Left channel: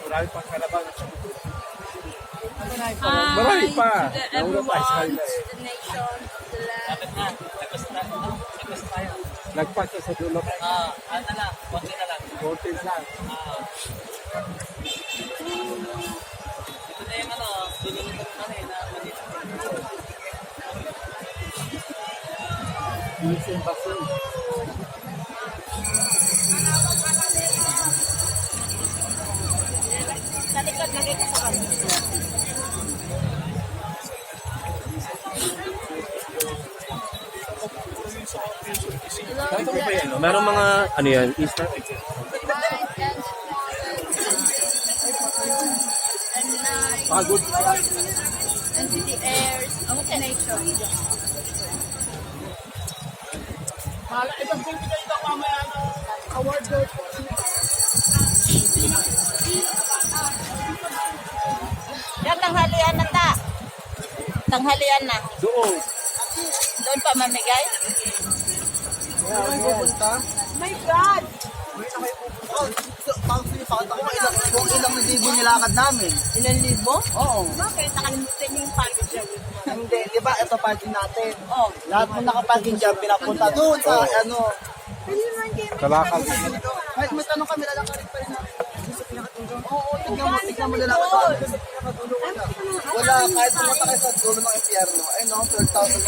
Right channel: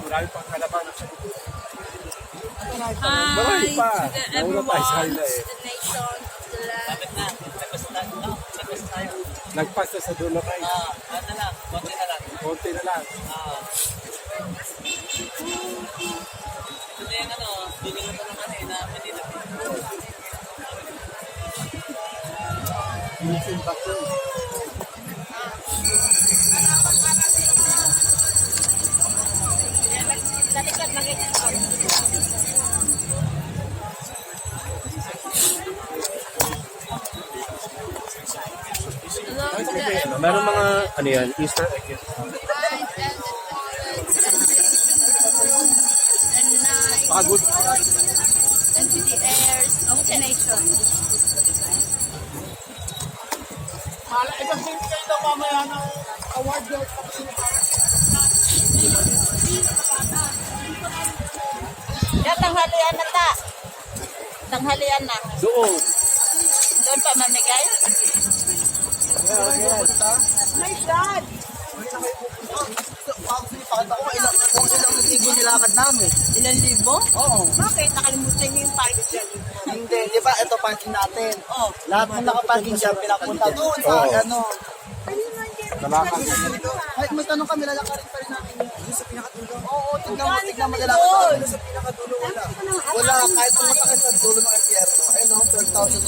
marami pang kalabanan sa dito. Hi pa. to the Nauna tayo sa everyone, hila eh. to the nation of the land. Nagpas na sa dulo kayo. Ano lang, konti na lang. Konti na lang. Ito na yung ano, piling ito naman eh, na Manila. Minsan pa po. Hello to the everyone. Meron mga, ano yan, Easter egg. Night and and night Pagod. and to the airs of the nation. Yan, tanghalian na ta. Tanghalian na. Doon. Doon pa mamigay. Saan pupunta? My God! Kung ilang libo nilakad namin. Ilan libo? Oo. Bakit? Nakalimutan niyo yung parking dyan. Hindi, di ba ito parking natin? Oo. Lahat ng nakaparking dyan, pinapunta doon sa ano. Kalakad. Ay, may tanong kami, lalakarin pa rin namin yun. Sa pinakadulo? Oo, tignan mo lalakad namin. Sa pinakadulo wala. Wala, kahit pumunta kayo sa dulo ng impyerno. Ayun no, 12,000